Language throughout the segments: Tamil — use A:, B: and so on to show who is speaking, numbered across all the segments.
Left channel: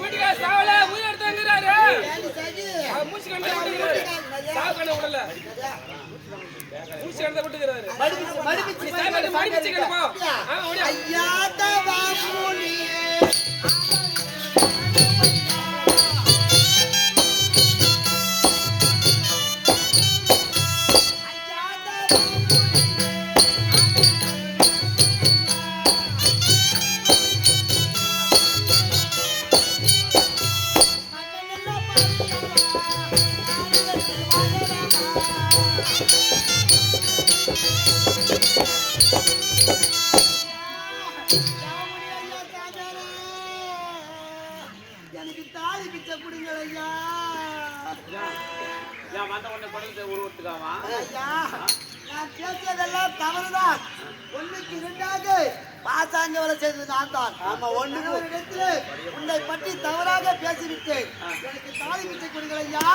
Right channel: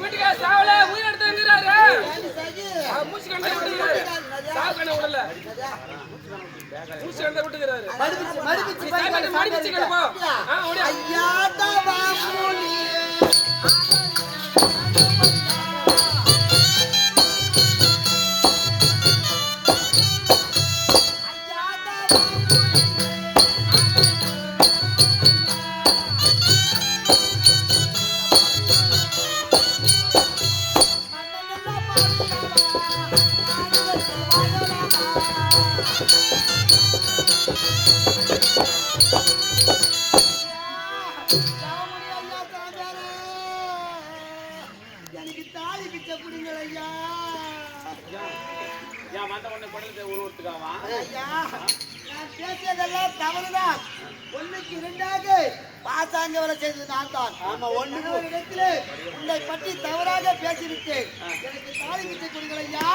A: வீட்டுக்கா சாவல உயிர் எடுத்தாங்கிறாரு. மூச்சு கண்ட விட்டுக்கிறாரு. சாவு கண்ண விடல. மூச்சு கண்ட விட்டுக்கிறாரு.
B: மடிப்பிச்சு, ஐயா தவா மூலியே. எனக்கு தாலி பிச்சை கொடுங்கள் ஐயா.
A: ஏன் வந்த உடனே குடலுக்கு உருவத்துக்காவா
B: ஐயா நான் பேசியதெல்லாம் தவறுதான். ஒண்ணுக்கு இரண்டாக பாசாங்க வேலை செய்தது நான் தான். ஆமா ஒன்று இடத்திலே உன்னை பற்றி தவறாக பேசிவிட்டேன். எனக்கு தாலி பிச்சை கொடுங்கள் ஐயா.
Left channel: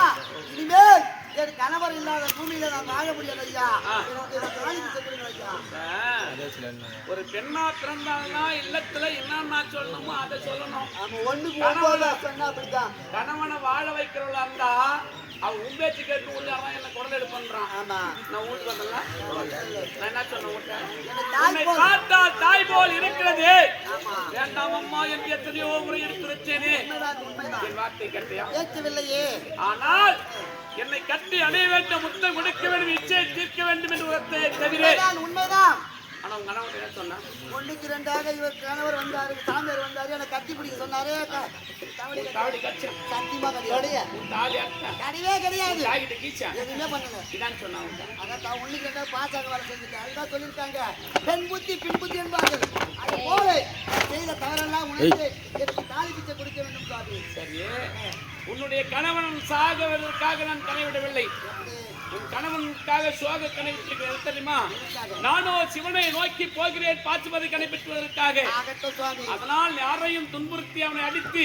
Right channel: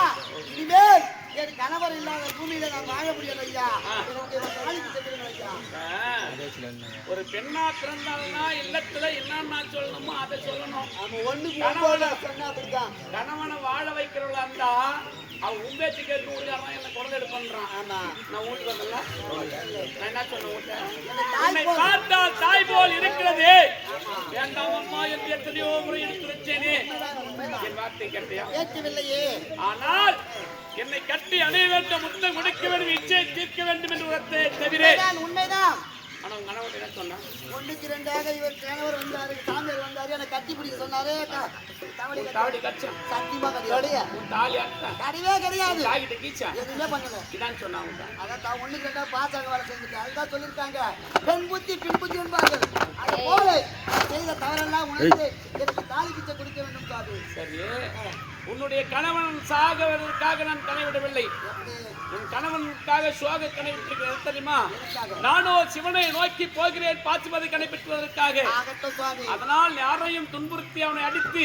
B: இனிமேல் என் கணவர் இல்லாத பூமியில நான் வாழ முடியாது ஐயா. ஒரு பிச்சை
A: பெண்ணா பிறந்தாங்கன்னா இல்லத்துல என்னன்னா சொல்லணுமோ அதை சொல்லணும்.
B: அப்படிதான்
A: கணவனை வாழ வைக்கிறவளா இருந்தா அவன் உம்பேச்சு கேட்டு உள்ளாரா என்ன குடல் எடுப்பன்றான்
B: ஆமா.
A: நான் வீட்டுக்கு வந்தல நான் என்ன சொன்னேன் பார்த்தால் தாய் போல் இருக்கிறது. வேண்டாம் அம்மா என்று எத்தனையோ முறை
B: உண்மைதான்
A: என் வார்த்தை கேட்டியா?
B: ஏற்கவில்லையே.
A: ஆனால் என்னை கட்டி அணைய வேண்டும் முத்தம் கொடுக்க வேண்டும் இச்சையை தீர்க்க வேண்டும் என்று உரத்தை தவிர.
B: உண்மைதான்
A: ஆனா உங்க கணவன் என்ன சொன்னா?
B: ஒண்ணுக்கு ரெண்டாக இவர் கணவர் வந்தாரு சாமியார் வந்தாரு எனக்கு கட்டி பிடிக்க சொன்னாரு. தவடி
A: கச்சா
B: சத்தியமா கிடையாது. கிடையாது. எதுவுமே பண்ணல.
A: இதான் சொன்னா உங்க
B: அதான் தான் ஒண்ணுக்கு ரெண்டாக பாசாங்க வேலை செஞ்சுட்டு அதுதான் சொல்லியிருக்காங்க. பெண் புத்தி பின் புத்தி என்பார்கள் அது போல நான் செய்த தவறெல்லாம் உணர்ந்து எனக்கு தாலி பிச்சை கொடுக்க வேண்டும் சுவாமி
A: சரி. உன்னுடைய கணவன் சாகுவதற்காக நான் கனைவிடவில்லை. உன் கணவனுக்காக சுவாக கனைவிட்டிருக்கிறேன் தெரியுமா? நானோ சிவனை நோக்கி போகிறேன் பாசுபதி
B: சுவாமி.
A: அதனால் யாரையும் துன்புறுத்தி அவனை அடித்து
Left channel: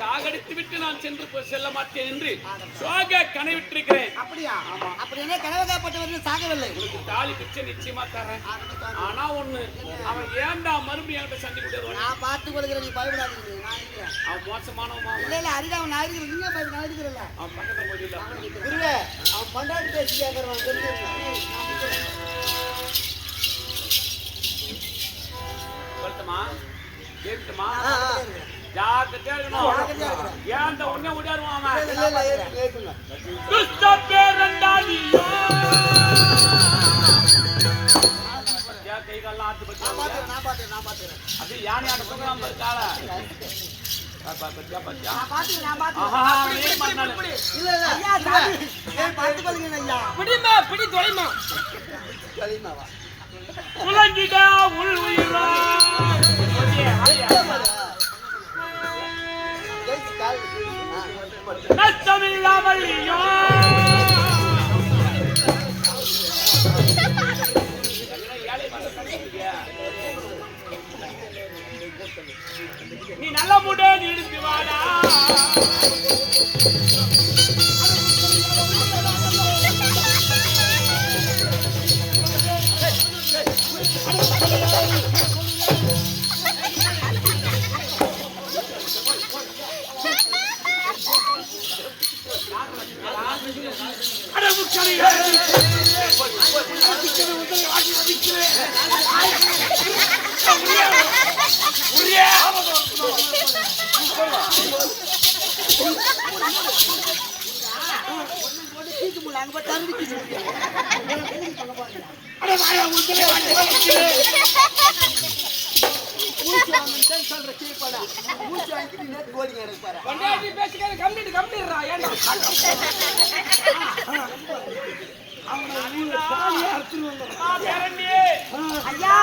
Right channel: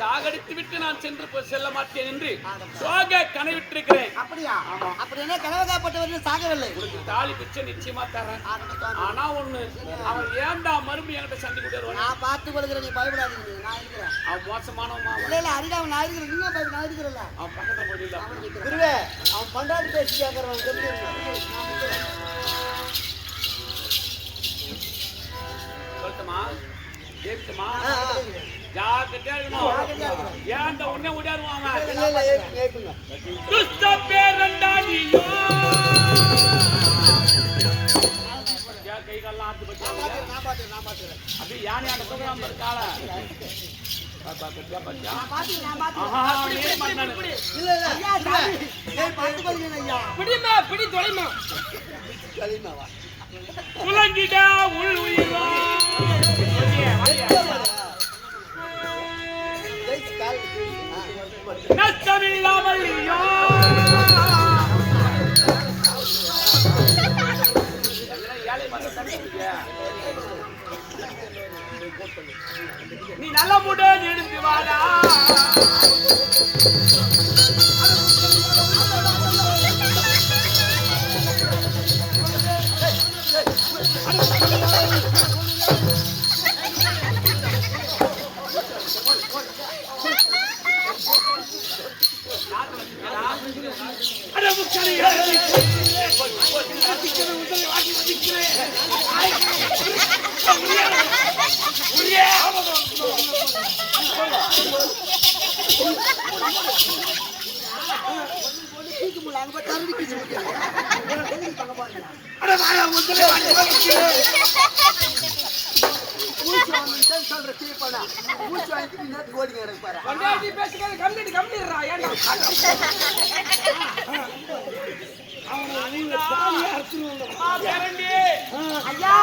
A: சாகடித்து விட்டு நான் சென்று செல்ல மாட்டேன் என்று சுவாக கனைவிட்டிருக்கிறேன்
B: அப்படியா?
A: ஆமா.
B: அப்படி என்ன கனவகாப்பட்டவர் சாகவில்லை.
A: உனக்கு தாலி பிச்சை நிச்சயமா தரேன் ஆனா ஒண்ணு அவன் ஏன்டா மறுபடியும் என்கிட்ட சண்டை கொடுத்து
B: நான் பார்த்து கொள்கிறேன் நீ பயப்படாதீங்க நான் இருக்கிறேன்.
A: அவன் மோசமானவன் அவன்.
B: இல்ல இல்ல அரிதாவன் நான் இருக்கிறேன். நீங்க நான் இருக்கிறேன்ல.
A: அவன் பக்கத்துல போயிட்டு
B: குருவே அவன் பண்டாட்டி
A: ஏன் உடனே ஓடியாருவான் கை கால்லாம் ஆட்டு
B: நான் பாத்துறேன் நான் பாத்துறேன்
A: அது யானை ஆட்ட தூக்கம் இருக்காள. பத்தியா பத்தியா
B: நான் பாத்துறேன் நான் பாத்துறேன்
A: ஆஹா நீ பண்ணாரு.
B: இல்ல இல்ல ஐயா சாமி ஏன் பாத்து பாருங்க ஐயா
A: பிடிமா பிடி தொலைமா
B: கலிமாவா
A: உலங்கிடா உள் உயிரா
B: ஜெயிச்சு கால்
A: நஷ்டமில்லாமல் ஐயோ நீ நல்ல முடோ எடுத்து வாடா. அடவு
C: சொல்ற கீழ்படா மூச்சு வாங்கிட்டு நேற்று ஓடிங்க எனக்கு பாரு
A: பண்டாட்டி பேசிக்காத கம்ப்ளீட் கம்ப்ளீட்ரா ஏன்டா அவனை ஊழ சாலியா அறுத்துருவாங்க
C: ஐயா